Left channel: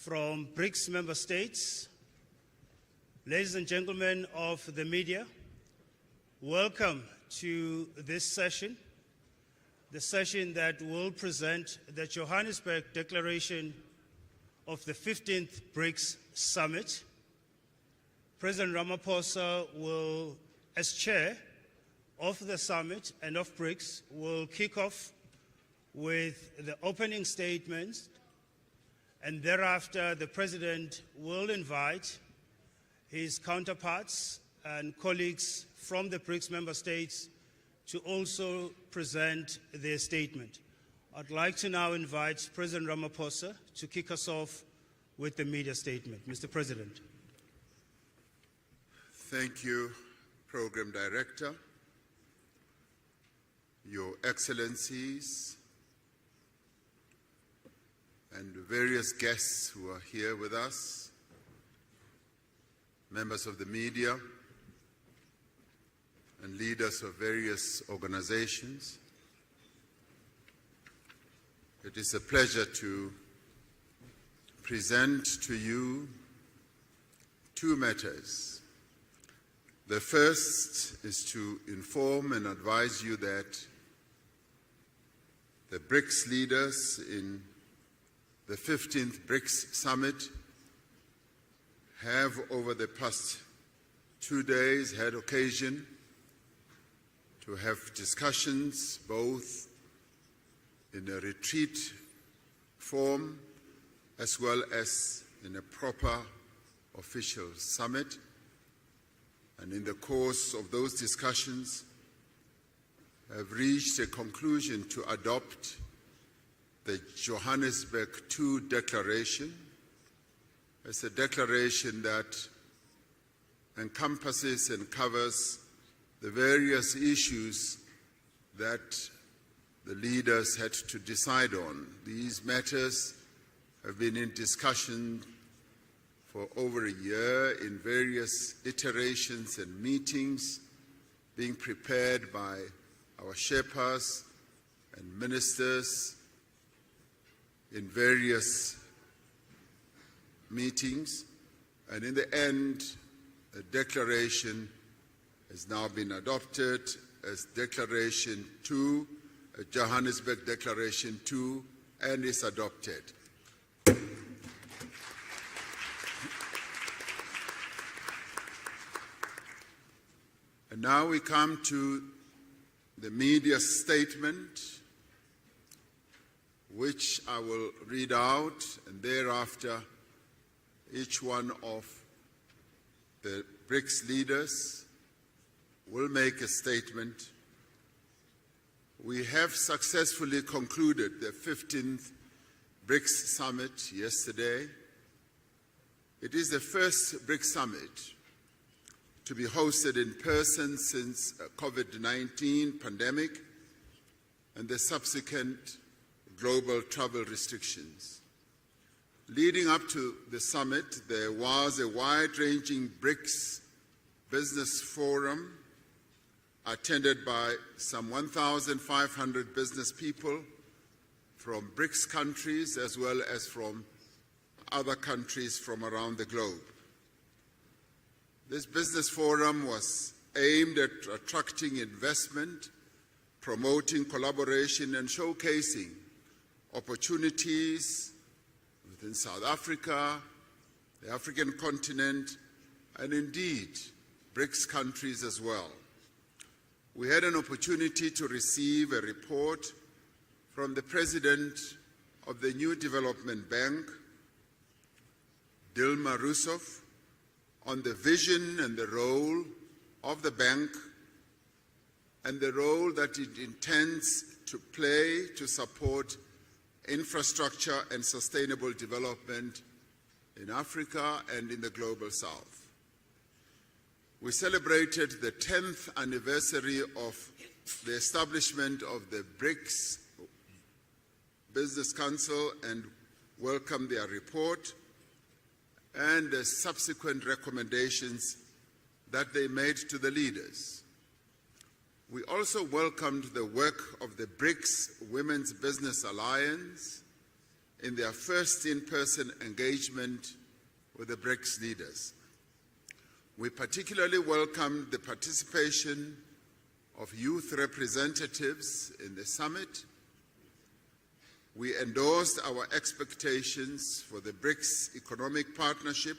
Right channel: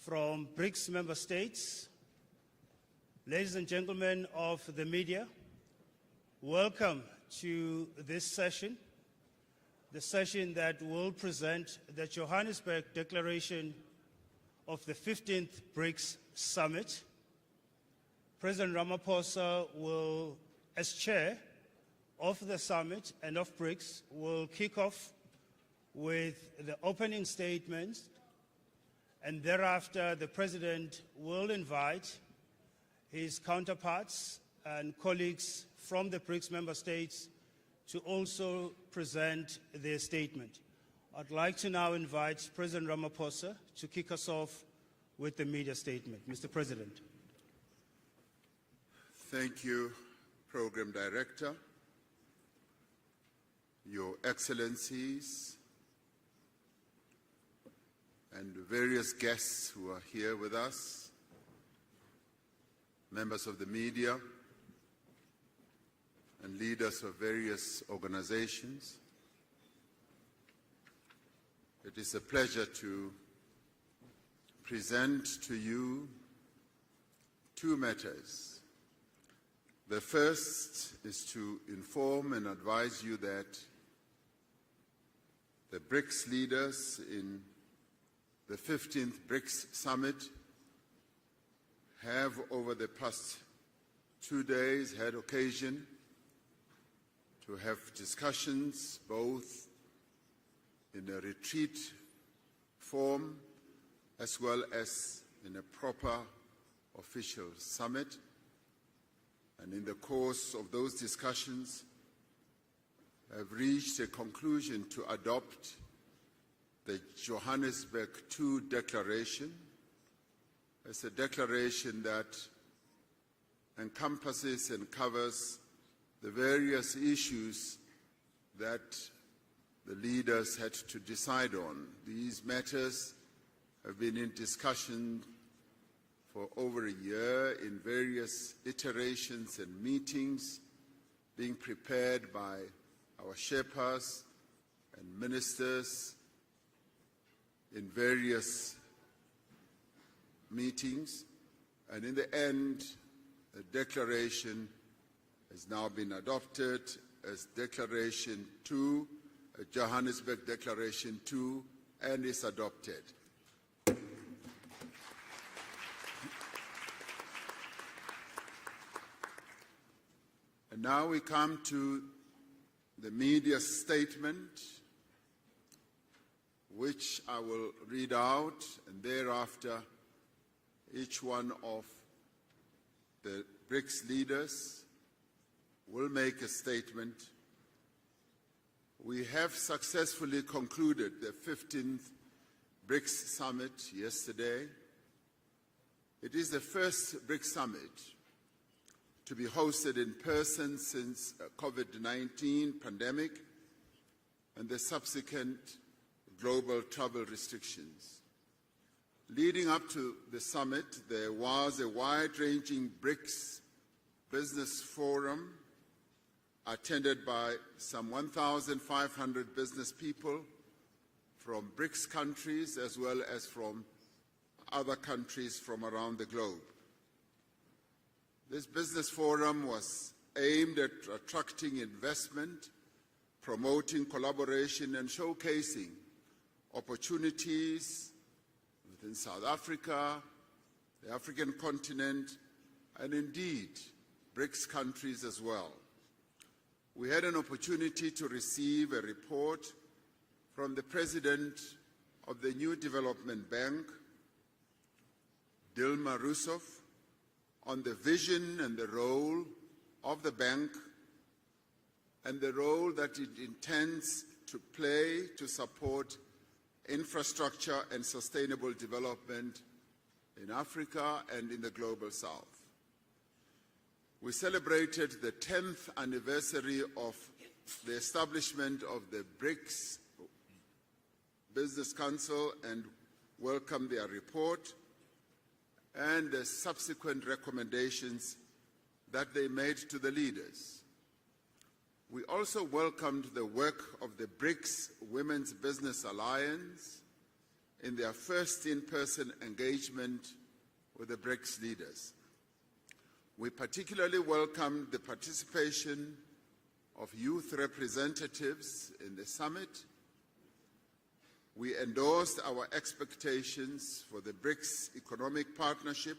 from BRICS member states, ladies and gentlemen of the media, welcome to this session, the session that will present the Johannesburg Declaration of the 15th BRICS Summit. President Ramaphosa will, as chair of the summit and of BRICS, will kick off with the opening statements, and thereafter the President will invite his counterparts and colleagues from the BRICS member states to also present their statement. I'd like to now invite President Ramaphosa to kick us off with the media statement. Mr. President. Thank you, Program Director, Your Excellencies, and various guests who are here with us, members of the media, and leaders of various organizations. It is a pleasure to present to you two matters. The first is to inform and advise you that the BRICS leaders in the 15th BRICS Summit have over the past 2 days had occasion to have discussions both in a retreat form as well as in a proper official summit. And in the course of those discussions, have reached a conclusion to adopt the Johannesburg II Declaration. It's a declaration that encompasses and covers the various issues that the leaders had to decide on. These matters have been in discussion for over a year in various iterations and meetings, being prepared by our Sherpas and ministers in various meetings. And in the end, the declaration has now been adopted as Declaration 2, Johannesburg Declaration 2, and is adopted. And now we come to the media statement, which I will read out, and thereafter each one of the BRICS leaders will make a statement. We have successfully concluded the 15th BRICS Summit yesterday. It is the first BRICS Summit to be hosted in person since COVID-19 pandemic and the subsequent global travel restrictions. Leading up to the summit, there was a wide-ranging BRICS business forum attended by some 1,500 business people from BRICS countries as well as from other countries from around the globe. This business forum was aimed at attracting investment, promoting collaboration, and showcasing opportunities within South Africa, the African continent, and indeed BRICS countries as well. We had an opportunity to receive a report from the President of the New Development Bank, Dilma Rousseff, on the vision and the role of the bank and the role that it intends to play to support infrastructure and sustainable development in Africa and in the Global South. We celebrated the 10th anniversary of the establishment of the BRICS Business Council and welcomed their report and the subsequent recommendations that they made to the leaders. We also welcomed the work of the BRICS Women's Business Alliance in their first in-person engagement with the BRICS leaders. We particularly welcomed the participation of youth representatives in the summit. We endorsed our expectations for the BRICS economic partnership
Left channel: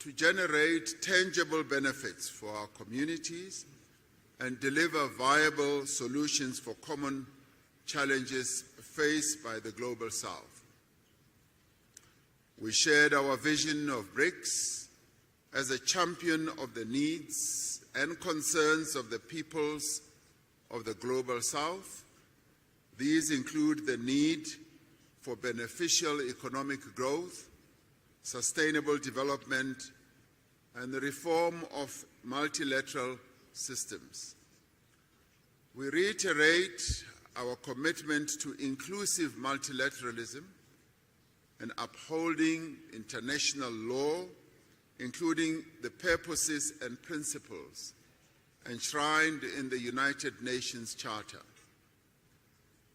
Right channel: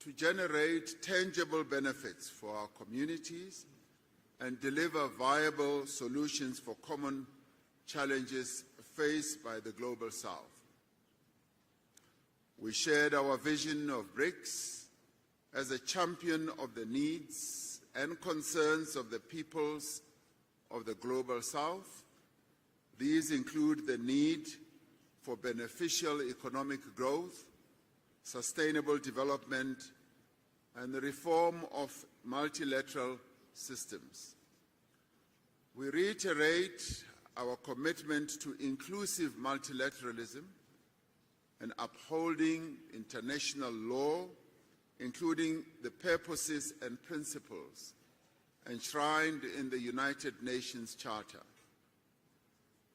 to generate tangible benefits for our communities and deliver viable solutions for common challenges faced by the Global South. We shared our vision of BRICS as a champion of the needs and concerns of the peoples of the Global South. These include the need for beneficial economic growth, sustainable development, and the reform of multilateral systems. We reiterate our commitment to inclusive multilateralism and upholding international law, including the purposes and principles enshrined in the United Nations Charter.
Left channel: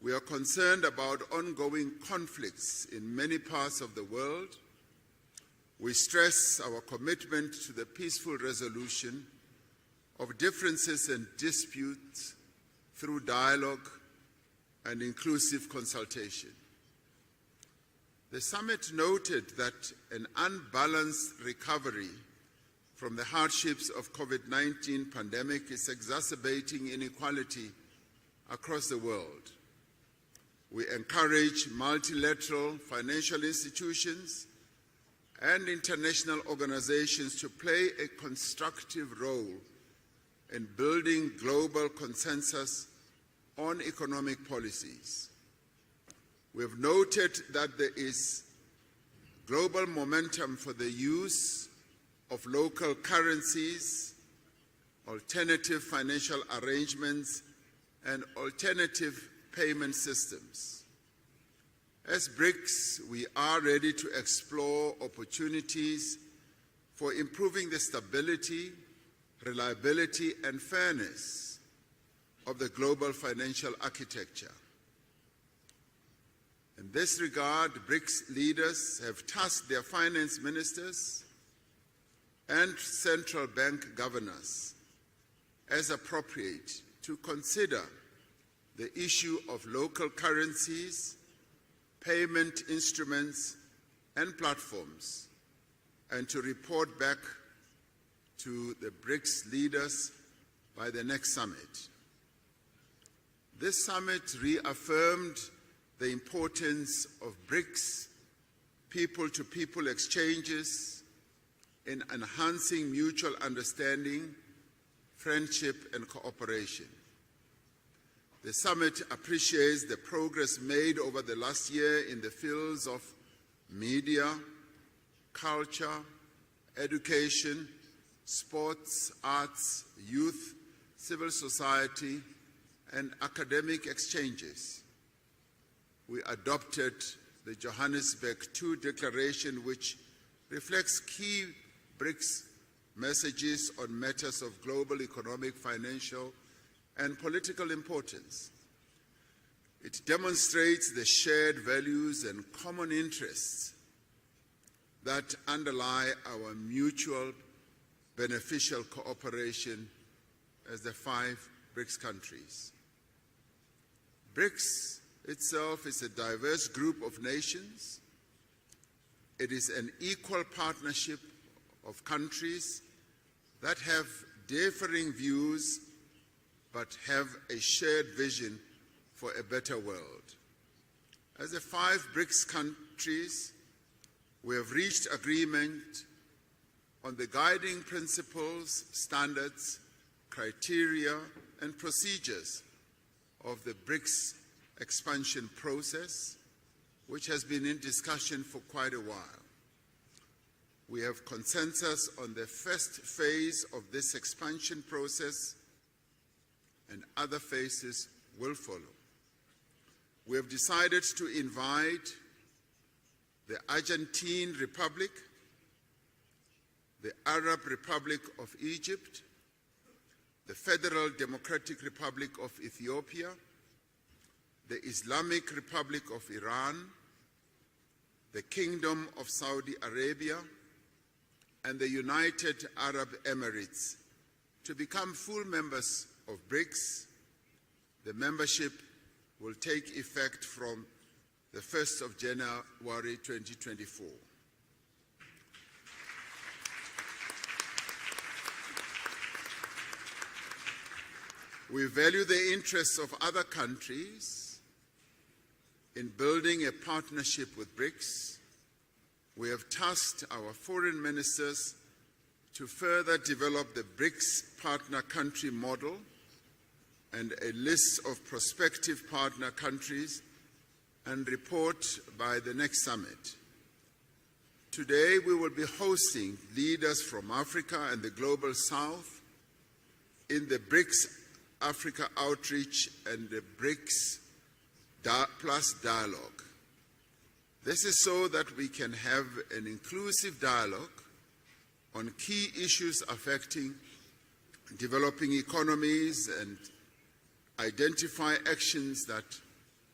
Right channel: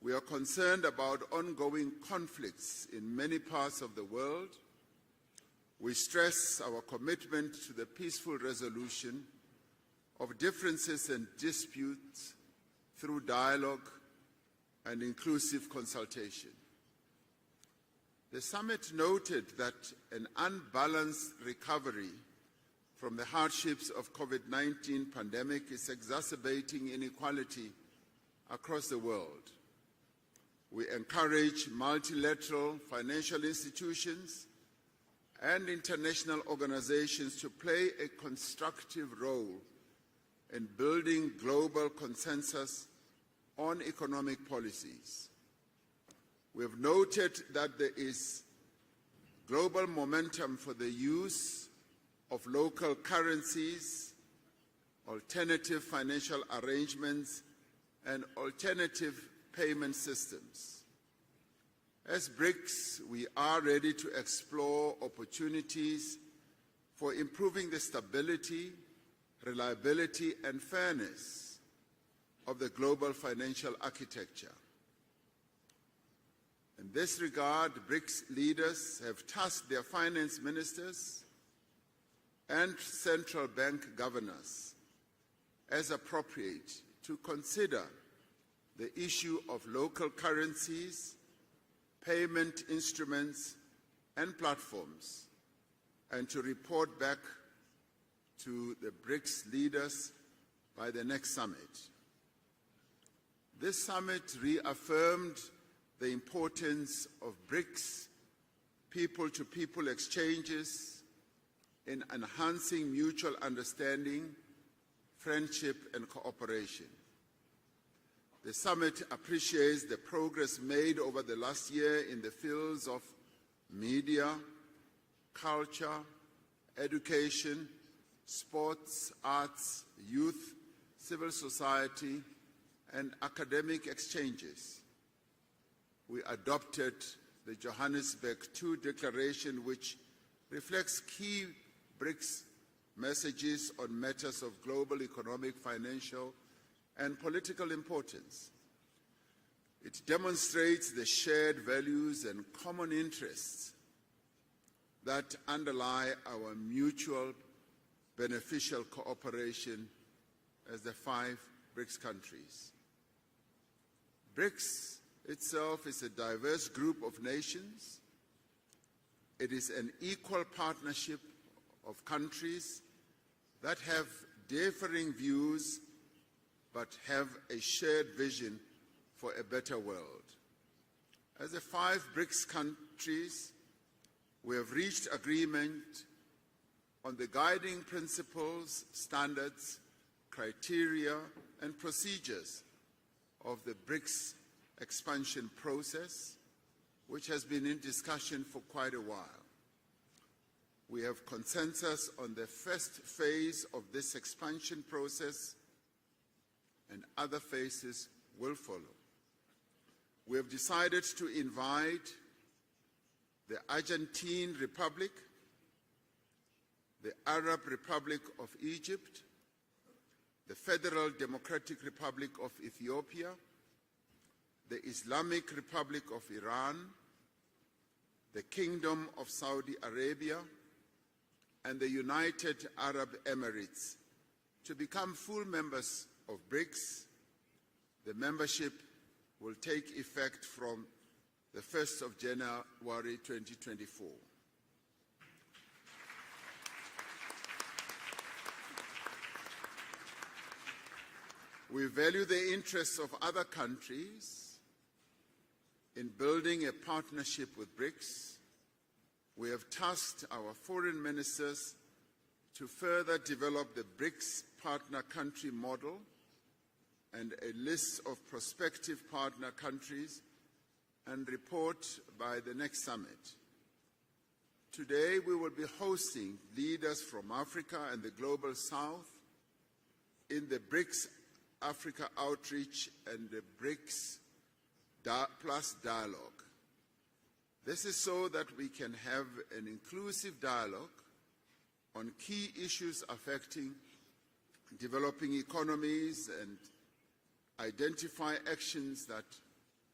We are concerned about ongoing conflicts in many parts of the world. We stress our commitment to the peaceful resolution of differences and disputes through dialogue and inclusive consultation. The summit noted that an unbalanced recovery from the hardships of COVID-19 pandemic is exacerbating inequality across the world. We encourage multilateral financial institutions and international organizations to play a constructive role in building global consensus on economic policies. We have noted that there is global momentum for the use of local currencies, alternative financial arrangements, and alternative payment systems. As BRICS, we are ready to explore opportunities for improving the stability, reliability, and fairness of the global financial architecture. In this regard, BRICS leaders have tasked their finance ministers and central bank governors, as appropriate, to consider the issue of local currencies, payment instruments, and platforms, and to report back to the BRICS leaders by the next summit. This summit reaffirmed the importance of BRICS people-to-people exchanges in enhancing mutual understanding, friendship, and cooperation. The summit appreciates the progress made over the last year in the fields of media, culture, education, sports, arts, youth, civil society, and academic exchanges. We adopted the Johannesburg II Declaration, which reflects key BRICS messages on matters of global economic, financial, and political importance. It demonstrates the shared values and common interests that underlie our mutual beneficial cooperation as the 5 BRICS countries. BRICS itself is a diverse group of nations. It is an equal partnership of countries that have differing views but have a shared vision for a better world. As the 5 BRICS countries, we have reached agreement on the guiding principles, standards, criteria, and procedures of the BRICS expansion process, which has been in discussion for quite a while. We have consensus on the first phase of this expansion process, and other phases will follow. We have decided to invite the Argentine Republic, the Arab Republic of Egypt, the Federal Democratic Republic of Ethiopia, the Islamic Republic of Iran, the Kingdom of Saudi Arabia, and the United Arab Emirates to become full members of BRICS. The membership will take effect from the 1st of January 2024. We value the interests of other countries in building a partnership with BRICS. We have tasked our foreign ministers to further develop the BRICS partner country model and a list of prospective partner countries and report by the next summit. Today, we will be hosting leaders from Africa and the Global South in the BRICS Africa Outreach and the BRICS Plus Dialogue. This is so that we can have an inclusive dialogue on key issues affecting developing economies and identify actions that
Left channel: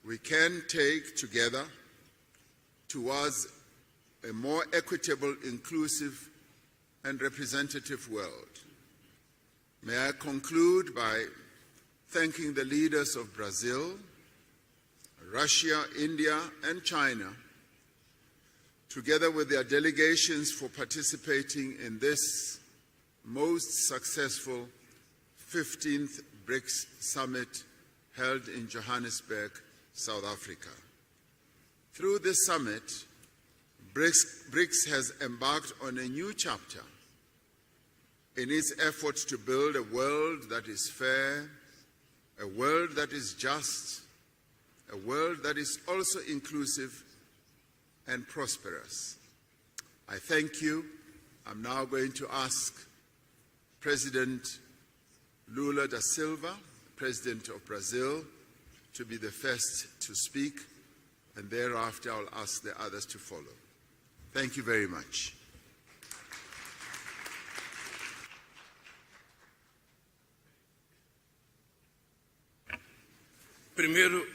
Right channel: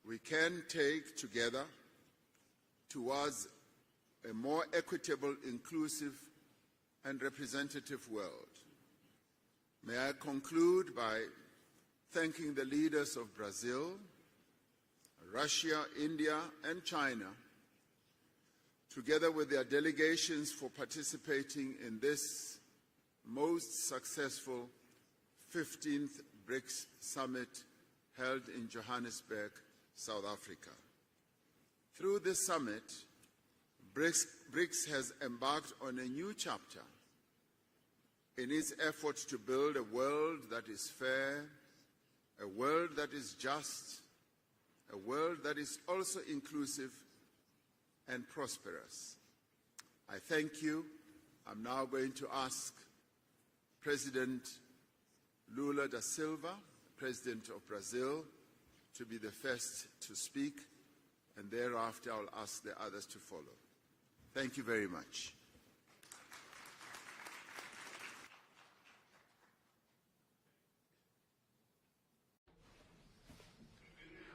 we can take together towards a more equitable, inclusive, and representative world. May I conclude by thanking the leaders of Brazil, Russia, India, and China, together with their delegations, for participating in this most successful 15th BRICS Summit held in Johannesburg, South Africa. Through this summit, BRICS has embarked on a new chapter in its efforts to build a world that is fair, a world that is just, a world that is also inclusive and prosperous. I thank you. I'm now going to ask President Lula da Silva, President of Brazil, to be the first to speak, and thereafter I'll ask the others to follow. Thank you very much.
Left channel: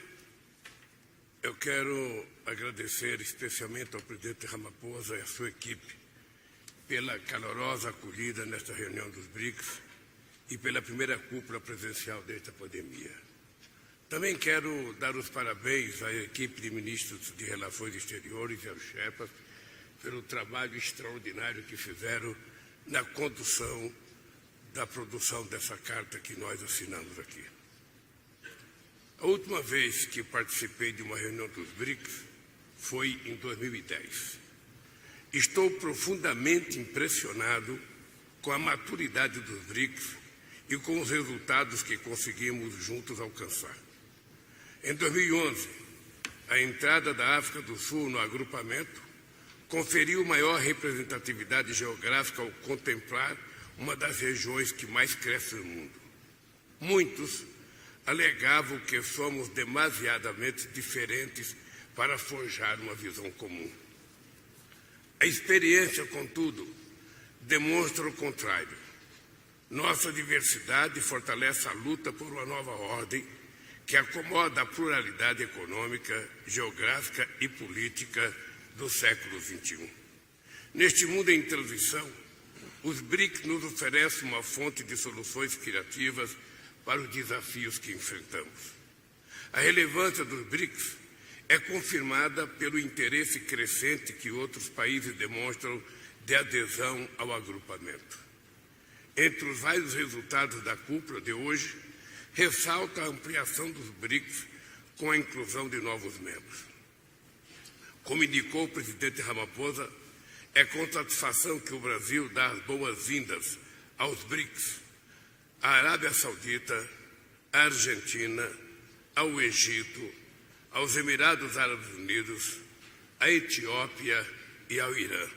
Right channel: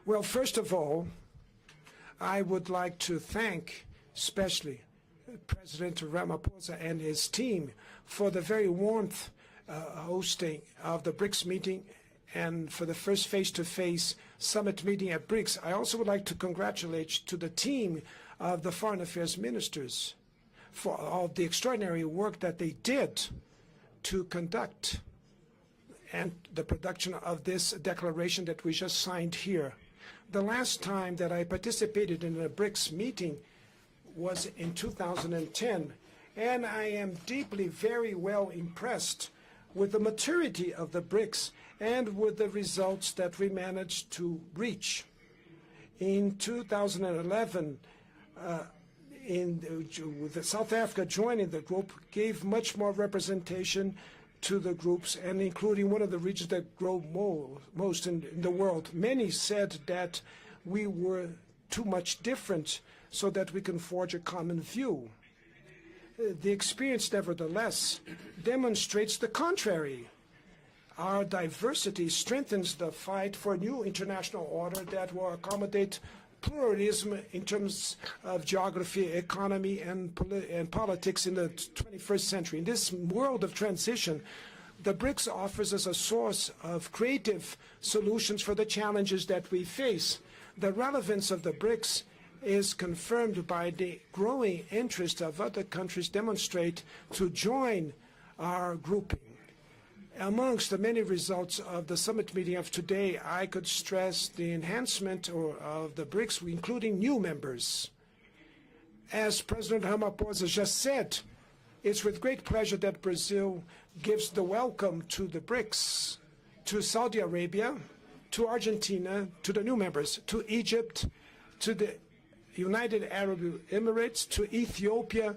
Well, first of all, Eu quero I would like to agradecer thank especialmente ao presidente especially Ramaphosa e a sua equipe President Ramaphosa and pela his team calorosa for the acolhida very nesta reunião warm dos BRICS hosting e pela of the primeira BRICS cúpula meeting presencial dentro and do for the poder. first face-to-face Também quero summit meeting dar at os BRICS. I also would parabéns à like to equipe de congratulate ministros to de the Relações team Exteriores of the e Foreign Afeto Affairs ministers pelo trabalho for all the extraordinário que extraordinary fizeram work that they na did condução to conduct da produção dessa carta and que nós the production assinamos of aqui. this declaration that we just A signed última here. vez que The last participei de time uma that I reunião dos participated BRICS in a BRICS foi em meeting 2010. was in 2010, Estou and profundamente I am impressionado deeply, very well com a impressed maturidade dos with the BRICS maturity e of com the os BRICS resultados que and with the conseguimos results juntos that we alcançar. managed to Em reach. 2011, In a entrada da África 2011, do Sul no agrupamento the conferiu maior South Africa joining the representatividade group geográfica gave ao much more contemplar representation uma das to regiões the que mais groups, and crescem no including mundo. one of the regions that grow Muitos most in the alegavam world. que Many somos said that demasiadamente we were diferentes too para much different forjar uma visão so that we comum. can forge a common view. A experiência, The contudo, experience, nevertheless, demonstra o contrário. demonstrates the contrary. Nossa diversidade Our fortalece a diversity luta por uma strengthens nova the ordem fight for new que international acomoda a order that pluralidade will accommodate econômica, pluralism geográfica in e terms política of do geography, século economy, XXI. and Neste politics mundo in em the transição, 21st century. In this os world BRICS of nos transition, oferecem uma fonte the de BRICS soluções offers us a source criativas of para os creative desafios que solutions for the enfrentamos. challenges that we A face. relevância dos The BRICS relevance of the é BRICS confirmada is pelo interesse confirmed by the crescente que growing outros países interest of other demonstram countries de demonstrate adesão to ao join agrupamento. our group. Entre os vários resultados Amongst da the many cúpula de results hoje, of the summit meeting of ressalta a today, I ampliação could dos stress BRICS the com a enhancement inclusão de of the novos BRICS, membros. including new members. Como indicou o presidente As President Ramaphosa é just com said, satisfação que o it's with Brasil great dá pleasure that boas-vindas Brazil aos gives the BRICS, welcome to the à Arábia BRICS, Saudita, to Saudi à Arabia, Argentina, to Argentina, ao to the new Egito, members, to Egypt, aos Emirados to Árabes the Unidos, United à Arab Etiópia Emirates, to e ao Ethiopia, Irã.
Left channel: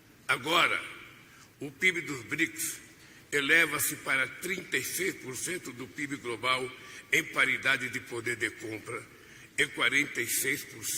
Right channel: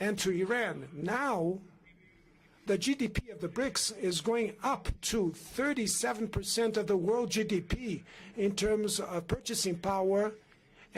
and to Agora, Iran. Now, o PIB dos BRICS the GDP of the eleva-se BRICS is para going up to 36% do PIB global 37% of the em world paridade de GDP poder de in terms compra of e purchasing power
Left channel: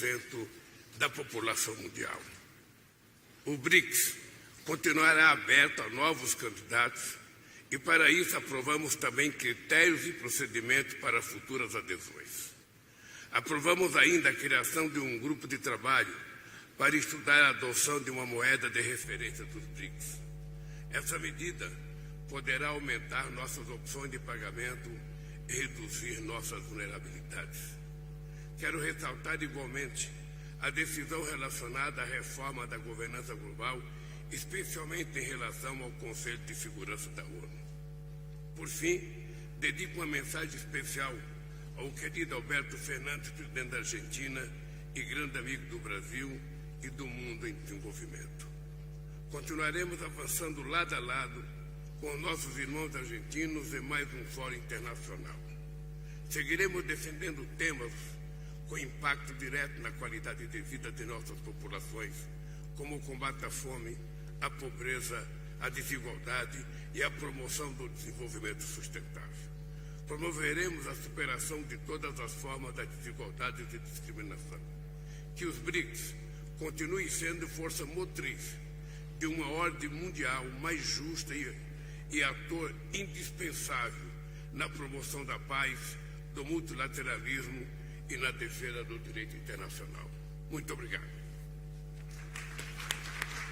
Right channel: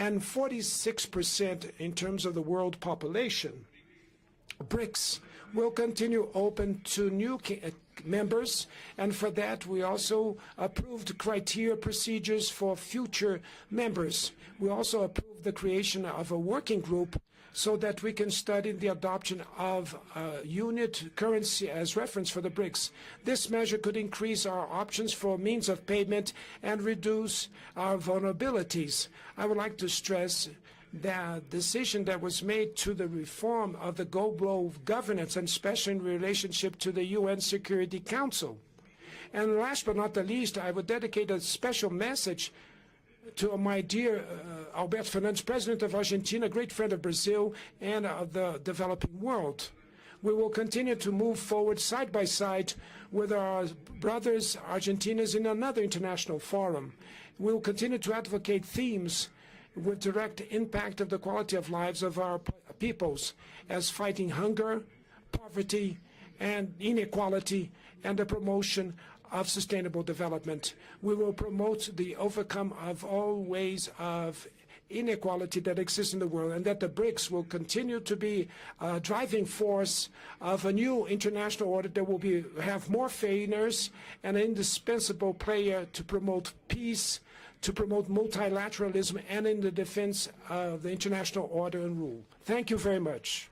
and 46% da população 46% in mundial. terms of the world O population. BRICS continuará will aberto a continue novos open candidatos to new e para isso members, aprovamos and for também that we critérios e also procedimentos approved para criteria futuras procedures adesões. for future Aprovamos members. ainda a We criação de also grupo the de creation trabalho of a working para group estudar a so adoção that de we uma can moeda study de the adoption referência of a unit Essa currency medida as reference for the poderá BRICS. aumentar This nossas measure could opções de increase our pagamento options for e means of reduzir payment nossas and reduce vulnerabilidades. our Quero vulnerabilities. ressaltar I would like to igualmente stress a decisão that decision relacionada à that was reforma made da to the governança reform global, of the global especialmente governance em and relação especially in ao Conselho de relationship to the Segurança da UN Security Council. Por fim, And last but not the dedico uma least, I would mensagem dedicate a especial special ao querido message Alberto Fernandes, to presidente my da dear Argentina, Alberto e grande Fernandes, amigo President do of Brasil Argentina, great friend e of do Brazil mundo em and of the developing world. Continuaremos We will avançando continue lado a to lado move forward side com by nossos side irmãos with our argentinos em mais brothers fórum Argentinians in another international Seguiremos forum. defendendo We will temas continue to advocate com themes impacto direto na with direct qualidade de vida impact de of the nossas quality of lives of our como peoples, combate à fome, as fighting à hunger, pobreza, à poverty, desigualdade and e à inequality, promoção do and the desenvolvimento promotion sustentável. of sustainable development. Promoveremos a We will superação de promote todas the as overcome formas de of all desigualdade e ways of discriminação. inequality that exists in the world, and that the Continue BRICS will sendo força continue to be a motriz driving de uma ordem force mundial of a mais new justa international order that will e have ator more failures indispensável and an na indispensable promoção da player paz, to promote do peace, multilateralismo to promote e na defesa da multilateralism, política and in the internacional. defense Muito of the obrigado. international order and rule. Thank you very much.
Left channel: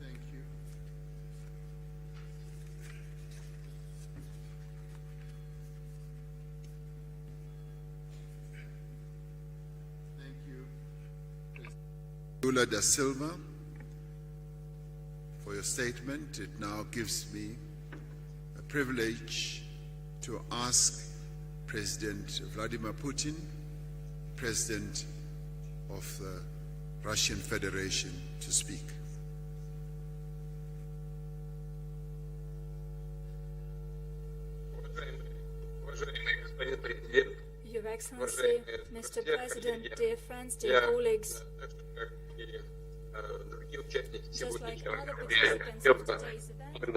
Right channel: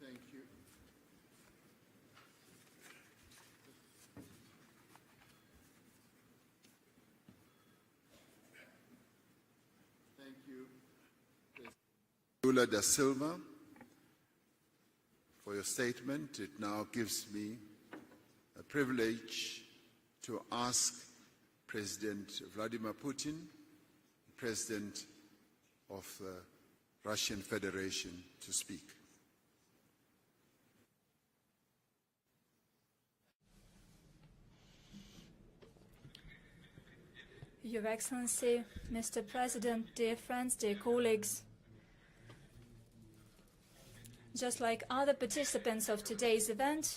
Thank you. Thank you, Lula da Silva, for your statement. It now gives me a privilege to ask President Vladimir Putin, President of the Russian Federation, to speak. Your Excellency, Mr. President, dear friends, dear colleagues, just like other participants of today's event,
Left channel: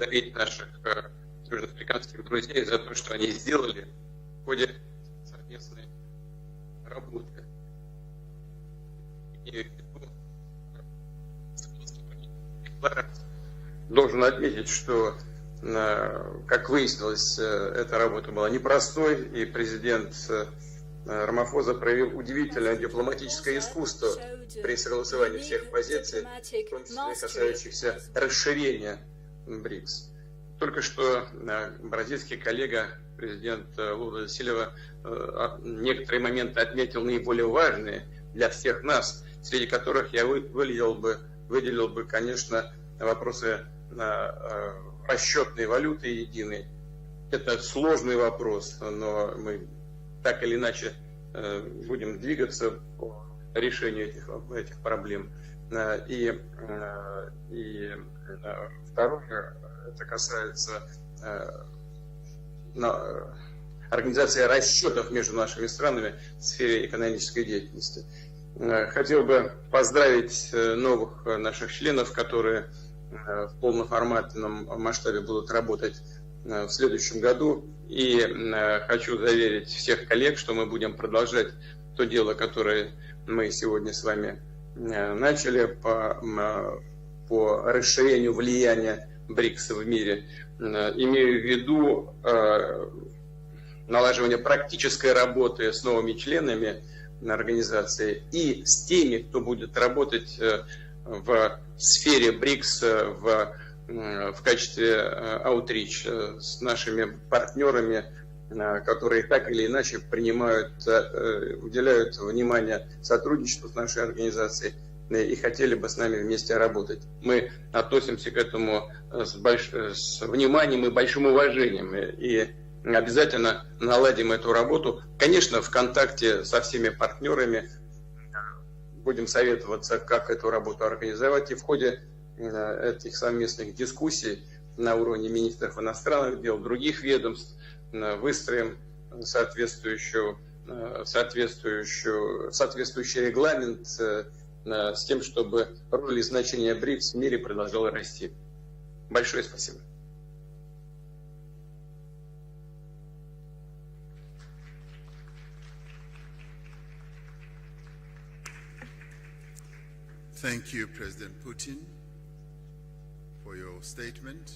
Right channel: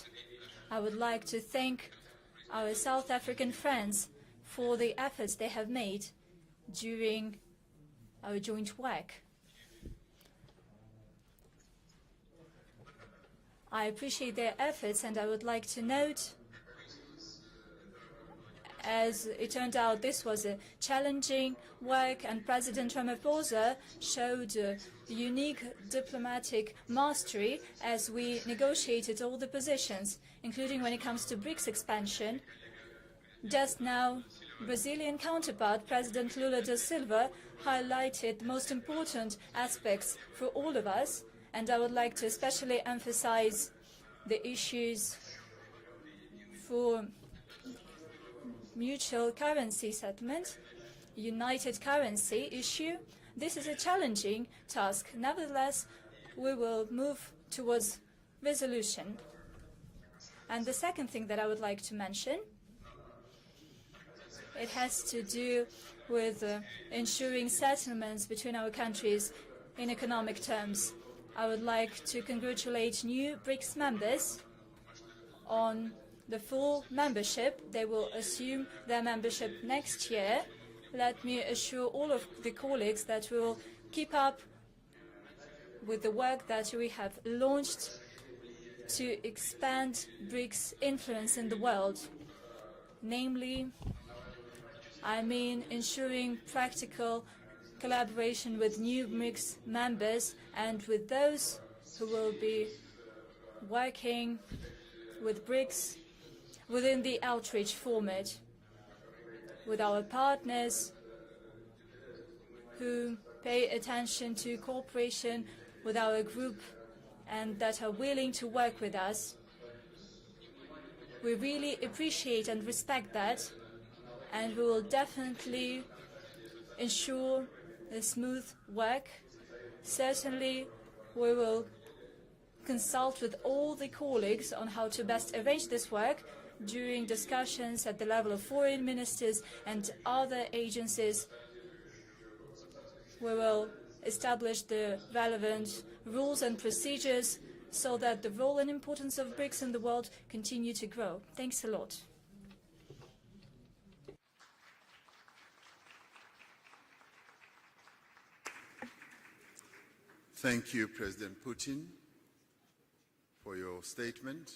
I would like to thank our South African friends for the efforts they have made during our joint work. I Должен appreciate their отметить, efforts, что, and I would like to note, как выяснилось, эта работа была непростой, as и it turned out, this was a challenging Рамафоза проявил work, and удивительное President дипломатическое Ramaphosa искусство showed при согласовании unique всех позиций, diplomatic в том числе mastery касающихся as we расширения negotiated all the BRICS. positions, including Только when it что comes to BRICS бразильский expansion. коллега, президент Just now, Лула да Сильва, Brazilian counterpart, некоторые President моменты Lula da отметил Silva, наиболее важные highlighted для most всех нас, important среди которых я aspects for all of выделил us, and I выделил would бы, like to конечно, especially вопросы emphasize the issues расчетной валюты единой. for Это сложный вопрос, но mutual мы currency так или settlement, иначе united будем currency двигаться issue. по This is a решению challenging этих task. проблем. Nevertheless, И we will move towards resolution. второе, это And the касается second thing that I would like to mention, организация it has расчетов to между do нашими странами в with сфере экономической ensuring деятельности. settlements between our Хотел countries бы in поздравить economic terms. новых I would наших like членов, to которые congratulate new в BRICS members полноформатном масштабе будут работать the в full следующем membership году. they will И assume хочу membership заверить next всех коллег, year. что мы будем Let me продолжать assure то all дело, of the которое colleagues that мы we'll сегодня с keep вами up начали with the work that we have по launched расширению влияния to БРИКС в expand мире. BRICS Имею в influence in the виду world, namely налаживание практической I mean работы с новыми ensuring членами practical организации collaboration и with с new теми, кто BRICS будет members работать and with в those сфере who will БРИКС working в качестве with аутрич BRICS с within нашими the outreach партнерами, format, которые так или иначе our принимают, уделяют внимание who сотрудничеству pay с нашей attention to организацией и cooperation хотели бы с with нами our вместе group, работать. Мы and that are относимся willing к to этому work with us. с вниманием и большим We really уважением. appreciate И and respect обязательно наладим and эту we'll работу. Конечно, в definitely контакте со всеми ensure партнерами a smooth work. будем советоваться, как эту Certainly, работу организовать. И we в ходе consult этих with совместных all the дискуссий colleagues on how на to уровне best министров arrange this иностранных work дел, других during ведомств, discussions at the level of выстроим foreign ministers and other agencies. соответствующий We will регламент establish the с тем, чтобы relevant роль и rules and значение БРИКС в мире procedures продолжало so that расти. the role and importance of Большое BRICS in спасибо. the world continue to grow. Thanks a lot. Thank you, President Putin, for your statement.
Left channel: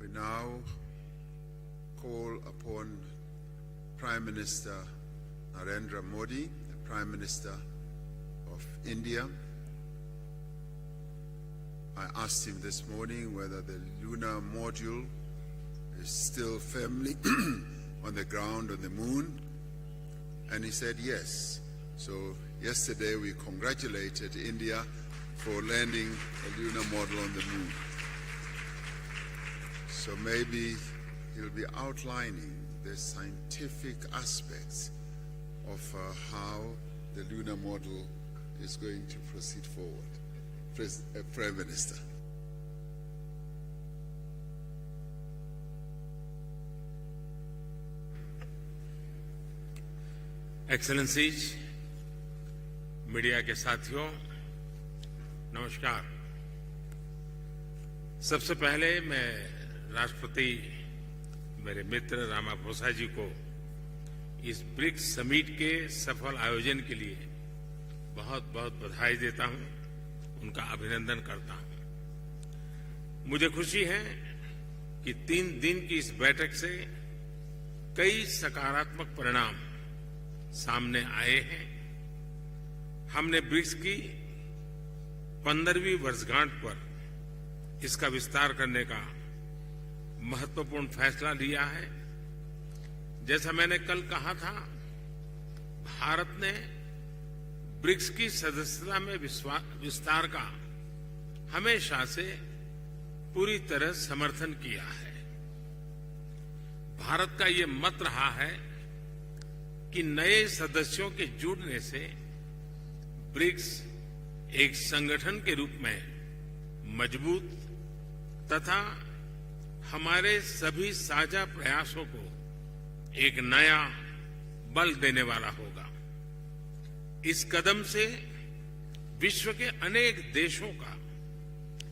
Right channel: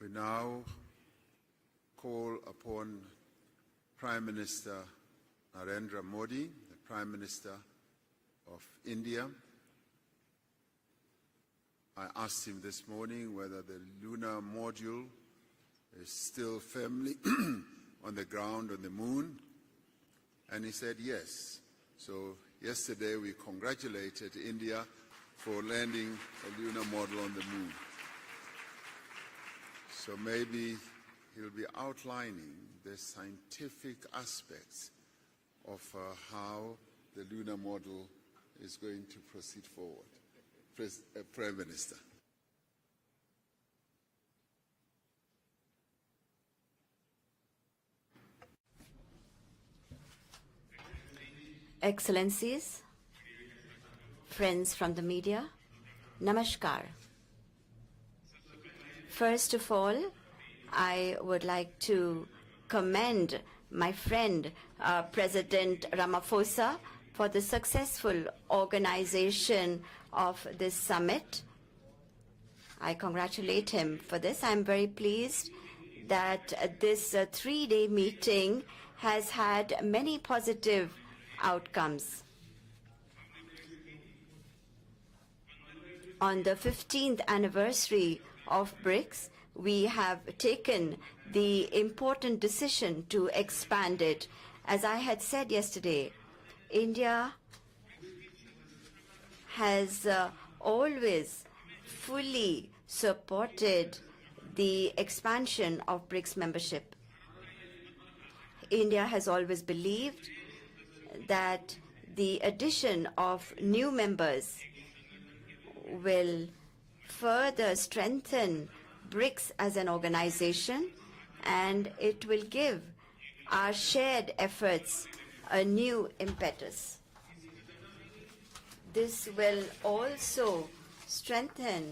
We now call upon Prime Minister Narendra Modi, the Prime Minister of India. I asked him this morning whether the lunar module is still firmly on the ground on the moon, and he said yes. So yesterday we congratulated India for landing a lunar module on the moon. So maybe he'll be outlining the scientific aspects of how the lunar module is going to proceed forward. Prime Minister. Excellencies, media के साथियों, friends from the media, नमस्कार। namaskar. सबसे पहले मैं First of all, राष्ट्रपति I would like मेरे to मित्र Ramaphosa ji commend को my friend इस BRICS Summit के President सफल Ramaphosa आयोजन के लिए for the successful बहुत-बहुत बधाई organization of उनका this अभिनंदन summit. करता हूं। I मुझे congratulate खुशी him है for this. I am very कि pleased 3 दिन की इस that बैठक से this 3-day meeting सकारात्मक has परिणाम had many positive सामने आए हैं। outcomes. हमने ब्रिक्स की 15वीं On वर्षगांठ the पर 15th anniversary इसका विस्तार of करने का BRICS, we have महत्वपूर्ण taken फैसला the लिया है। important decision to जैसा मैंने expand कल it. कहा था, As I had said yesterday, Bharat ने India ब्रिक्स की सदस्यता में विश्वास has विस्तार का always हमेशा से fully पूरी तरह supported समर्थन किया the है। expansion of BRICS membership. Bharat का ये मत रहा है India has always कि believed नए सदस्यों के that जुड़ने से the addition of BRICS new members एक संगठन के रूप में will मजबूत further strengthen तथा BRICS as an हमारे organization, सभी साझा and प्रयासों it को will give एक our नया shared बल efforts देने वाला a हो। new impetus. इस कदम से This विश्व will के अनेक also देशों का strengthen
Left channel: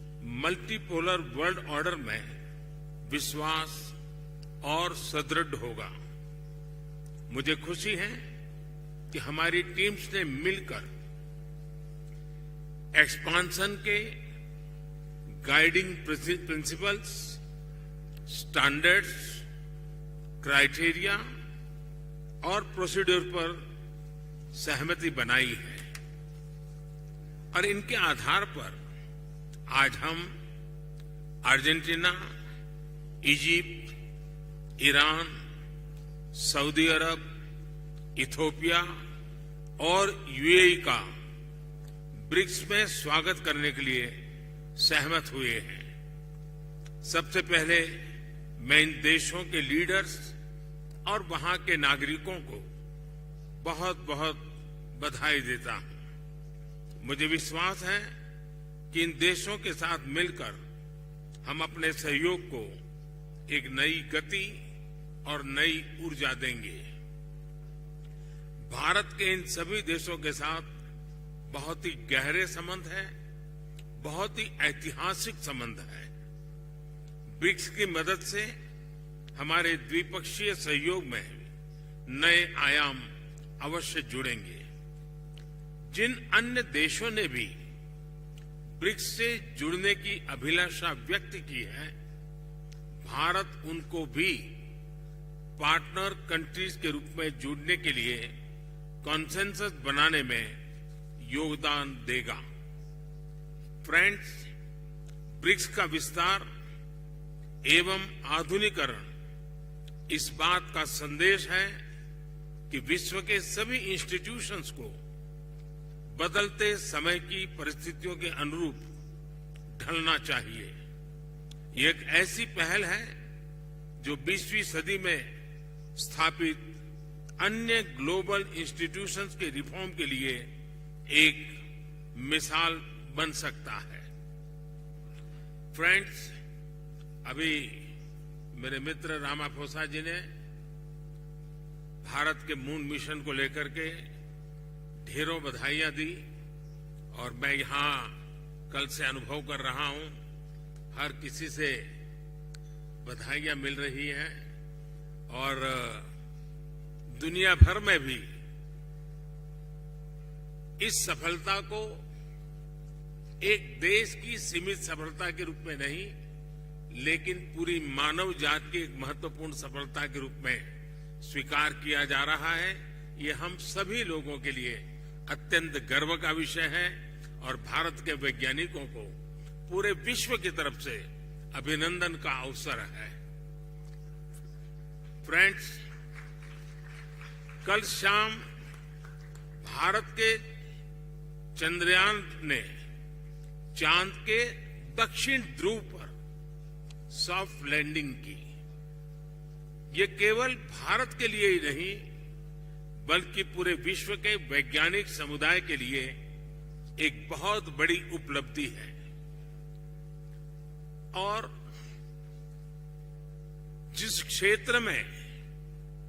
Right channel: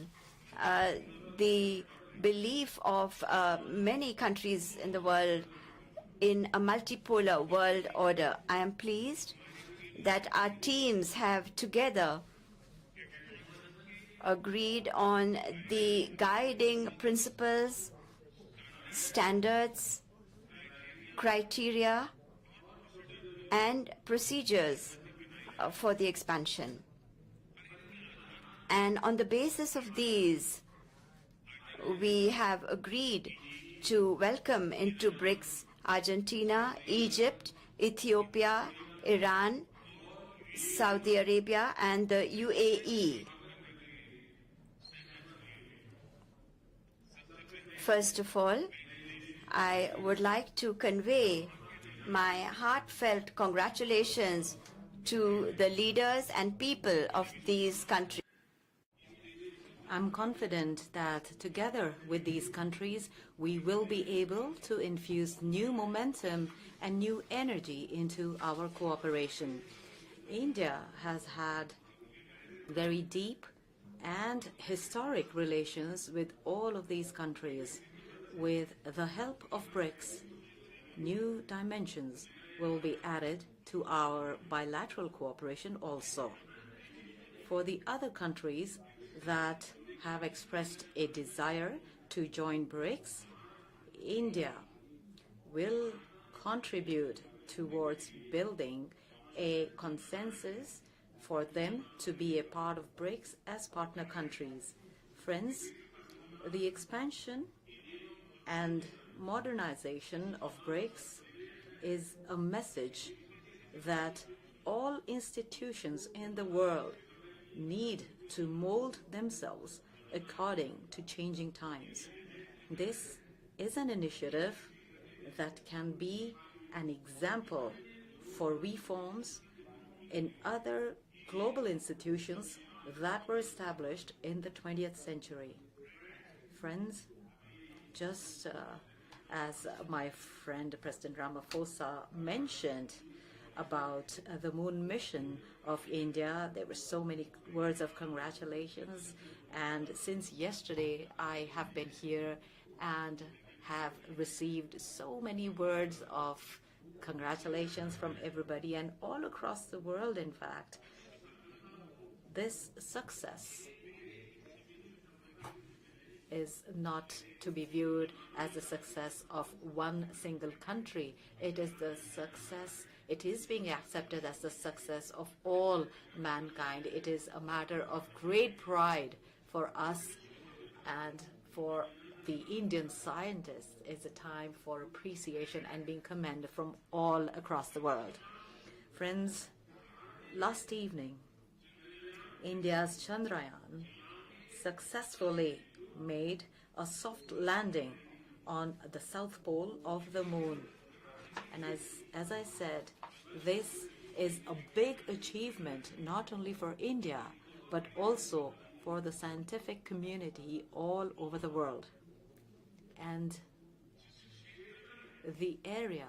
multipolar world order the में belief of विश्वास many countries in और the world सुदृढ़ होगा। in a multipolar मुझे world खुशी है order. I am कि pleased हमारी टीम्स ने that our मिलकर teams have together एक्सपांशन के agreed on Guiding the guiding principles, principles, standard standards, criteria criteria, और प्रोसीड्यूर पर and procedures सहमति बनाई है for the expansion. और इनके आधार पर And on the basis of आज हम these, Argentina, we have agreed Egypt, to welcome into Iran, BRICS Argentina, Saudi Arab, Egypt, Ethiopia, Ethiopia, Iran, और यूएई का Saudi Arabia, and the BRICS में UAE. स्वागत करने के लिए सहमत हुए हैं। सबसे पहले First of all, मैं इन देशों के I would leaders like to और convey वहाँ के नागरिकों my को heartfelt congratulations to बधाई the देता हूँ। leaders and people मुझे of these विश्वास है countries. कि इन देशों के साथ I'm मिलकर confident that हम together अपने with सहयोग these को countries, we एक will नई be गति able to infuse और new नई ऊर्जा momentum देंगे। and new energy into our Bharat के इन cooperation. सभी देशों के साथ India has had बहुत ही गहरे संबंध very हैं। deep बहुत and ही ऐतिहासिक historic संबंध relations हैं। with all of these BRICS countries. की मदद से With the help हमारे of BRICS, द्विपक्षीय सहयोग में new dimensions नए will आयाम be added to अवश्य our जुड़ेंगे। bilateral cooperation जिन also. अन्य देशों ने भी For the other countries BRICS से that जुड़ने की have अभिलाषा expressed a व्यक्त की desire है, to join BRICS, भारत उनको भी India will पार्टनर कंट्रीज के रूप में contribute जुड़ने के लिए towards building consensus a बनाने में consensus for योगदान them to be देगा। a part of BRICS as partner Friends, countries. Friends, BRICS का विस्तार the expansion एवं and आधुनिकरण modernization इस of बात का BRICS संदेश है is a कि message विश्व के सभी that इंस्टीट्यूशंस को all institutions in the बदलते world समय की need परिस्थितियों के to अनुरूप mold themselves ढलना चाहिए। according to changing times. ये एक ऐसी पहल है This is an जो 20वीं initiative सदी में that can be स्थापित an example अन्य ग्लोबल for इंस्टीट्यूशंस reforms के रिफॉर्म के लिए in other एक global institutions मिसाल that बन were सकता है। established in the 20th century. Friends, Friends, अभी just मेरे मित्र रामाफोसा as जी my ने friend President Ramaphosa भारत के मून mentioned मिशन को लेकर के about the moon mission ढेरों of बधाइयाँ दी India, there were so many और मैं words यहाँ of कल congratulations. से अनुभव कर रहा And हूँ, since yesterday हर I किसी have से been here and बधाइयाँ मिल have रही हैं received so many और words of दुनिया congratulations भर में from भी everybody and all across the world in fact. इस सफलता को this success एक देश की सीमित सफलता के रूप में नहीं, is not लेकिन to be पूरी viewed मानव as जात the की एक success महत्वपूर्ण of सफलता one के रूप single में country. स्वीकार It is किया the जा रहा है। success. It ये is हम being सभी accepted लोगों as के the लिए success of अत्यंत all गर्व का विषय है mankind. It is a और matter भारत of के great वैज्ञानिकों pride for को पूरे us विश्व की तरफ से and for अभिनंदन का the अवसर Indian है। scientists. It's a time for appreciation Friends, and being commended from all across the कल world. शाम Friends, भारत के last evening, चंद्रयान ने India's Chandrayaan चांद के दक्षिण successfully ध्रुव पर made a soft soft landing landing की। on the south pole of ये the केवल moon. भारत के लिए ही नहीं, As I said, बल्कि this पूरे विश्व के is a वैज्ञानिक big समुदाय के achievement, लिए not only for India, बहुत but बड़ी also उपलब्धि है। for the scientific community all over और the world. And जिस क्षेत्र में the area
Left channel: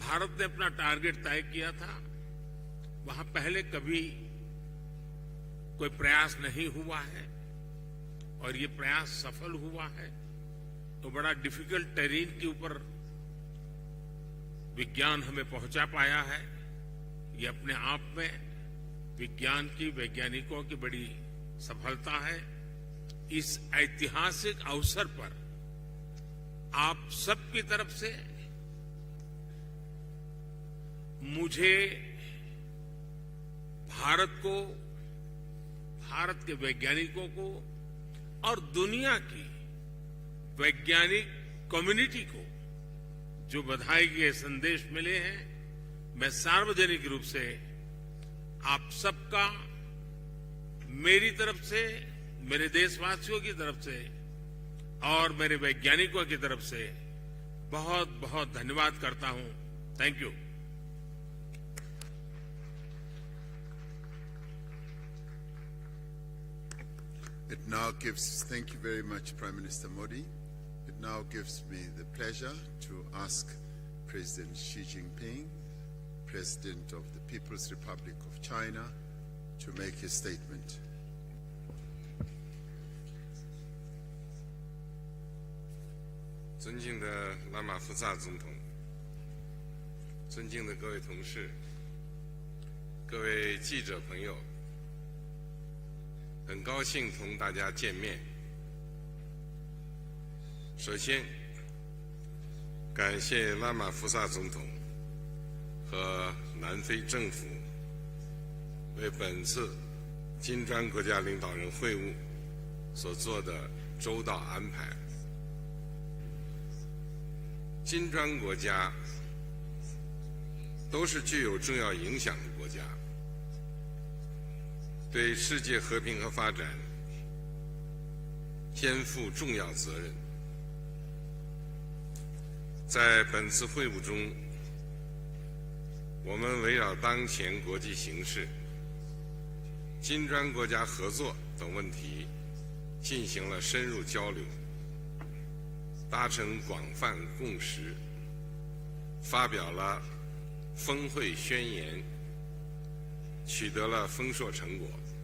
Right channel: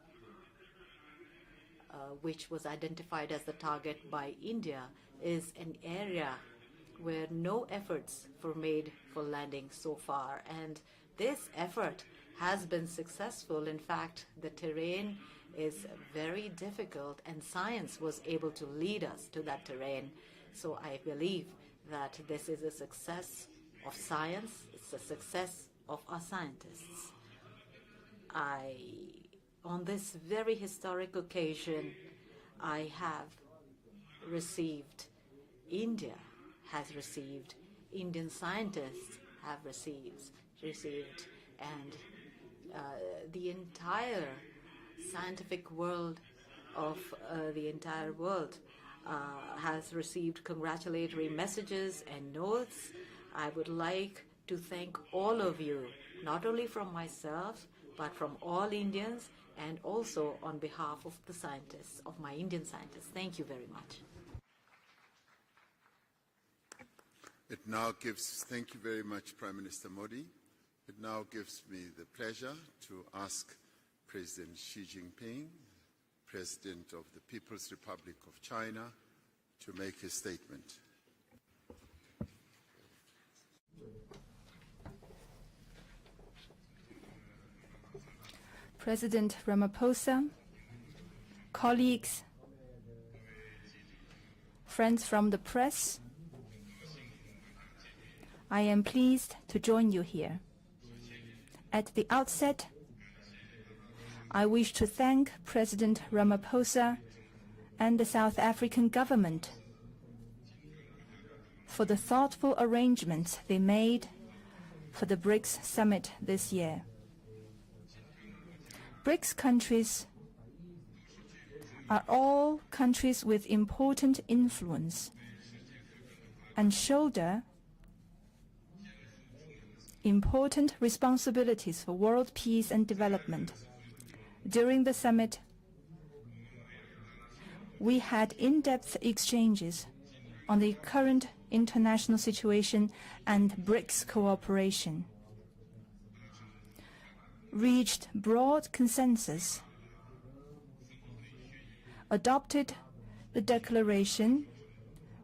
भारत ने अपना टारगेट तय किया था, which was identified वहाँ as a पहले target कभी by India is an कोई area प्रयास नहीं हुआ है where no efforts were और ये made प्रयास for सफल landing हुआ so है। far, and तो बड़ा this difficult effort terrain के has ऊपर been successful. In fact, the terrain विज्ञान हमें is पहुंचा पाया है। very difficult, and ये अपने science आप was में able to lead us to विज्ञान that की terrain. वैज्ञानिकों So की I बड़ी believe सफलता that है। this is a success इस of ऐतिहासिक science, अवसर the पर success of our scientists. आप सबकी तरफ से On this very historic मुझे occasion, I have भारत को, received, India भारत के has वैज्ञानिकों को received, Indian और scientists दुनिया की have received, वैज्ञानिक and, कम्युनिटी को the जो बधाई के entire संदेश मिले हैं, scientific world मैं सार्वजनिक of, रूप से the entire world आप सबका has received मेरी congratulatory तरफ से, messages and मेरे notes. देशवासियों I की would तरफ से like to thank और all मेरे of you, वैज्ञानिकों की not तरफ only से from myself, बहुत but from बहुत all धन्यवाद Indians, करता हूँ। and Thank also you. on behalf of the scientists, of my Indian scientists. Thank you very much. Thank you very much, Prime Minister Modi. It now gives me the pleasure to ask President Xi Jinping, President of the People's Republic of China, to make his statement. President Ramaphosa, colleagues, friends from the press, I am pleased to join you here. At the outset, I wish to thank President Ramaphosa and the South African government for the thoughtful arrangements they made for the BRICS Summit this year. BRICS countries are all countries with important influence and shoulder important responsibilities for world peace and development. During the summit, we had in-depth exchanges on the current international situation and BRICS cooperation, reached broad consensus, adopted the declaration,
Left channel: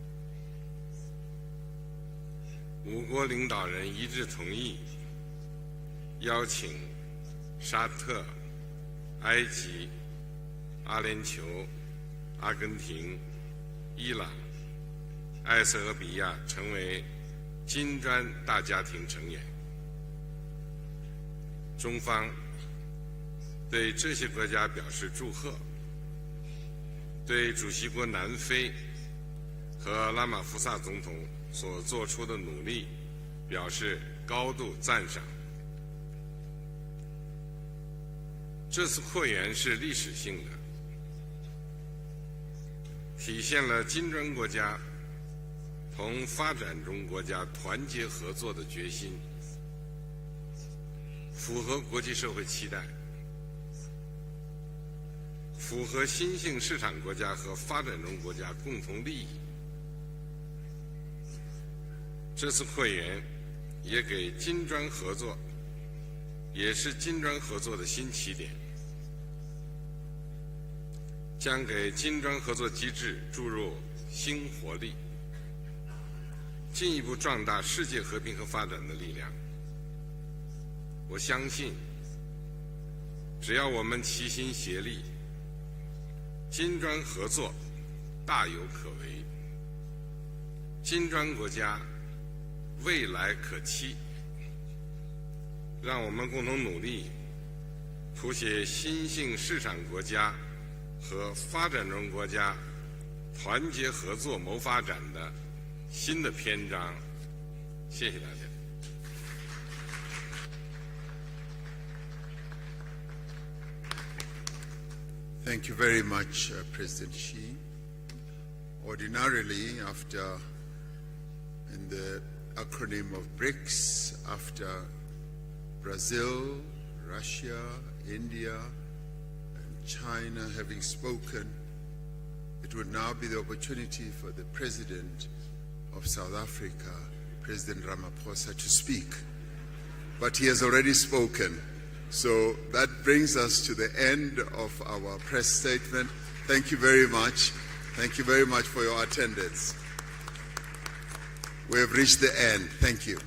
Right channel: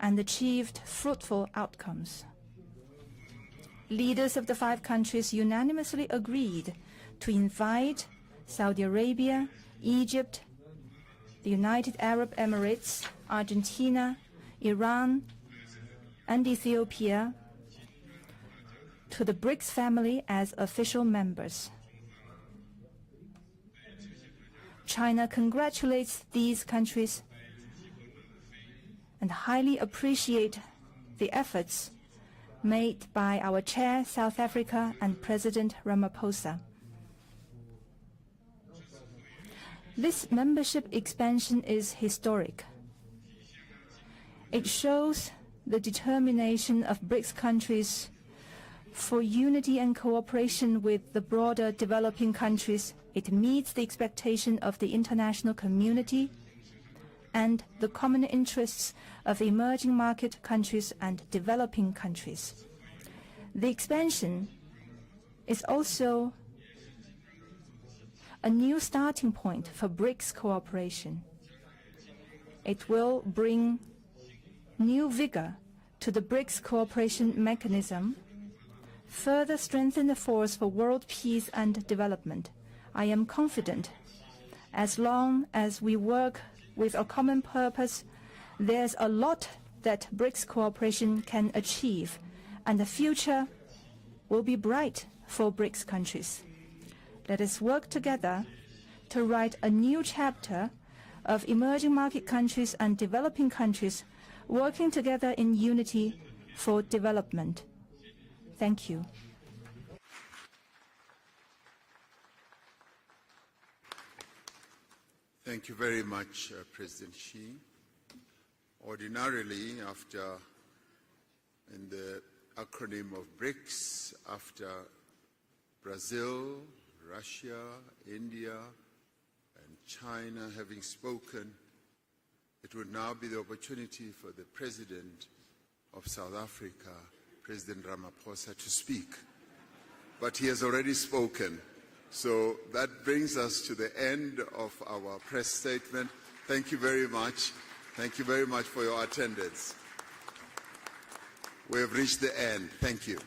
and achieved fruitful outcomes. Leaders of the 5 countries unanimously agreed to invite Saudi Arabia, Egypt, the United Arab Emirates, Argentina, Iran, and Ethiopia to the BRICS family as official members. China congratulates these countries and highly appreciates the efforts made by our chair, South Africa, and President Ramaphosa. This membership expansion is historic. It shows the determination of BRICS countries for unity and cooperation with the broader developing countries. It meets the expectation of the international community and the common interests of emerging market countries and developing countries. The expansion is also a new starting point for BRICS cooperation. It will bring new vigor to the BRICS cooperation mechanism, further strengthen the force for world peace and development. I am confident as long as we work with a common purpose, there's a lot that BRICS cooperation can achieve, and the 未来 future 可期。 will be bright for BRICS 让我们 countries. 共同努力， Let us work 谱 together 写新 to 兴 write 市 a 场 new 国家 chapter 和 of 发展 emerging 中 market 国家 countries and developing 团结 countries 合作谋发 working 展 together 的 in unity 新的篇 for 章。 development. 谢谢大家。 Thank you. Thank you very much, President Xi. Ordinarily, in the acronym of BRICS, after Brazil, Russia, India, and China having spoken, it would now be the opportunity for the President of South Africa, President Ramaphosa, to speak. But he has already spoken. So that brings us to the end of our press statement. Thank you very much. Thank you very much for your attendance. We have reached the end. Thank you.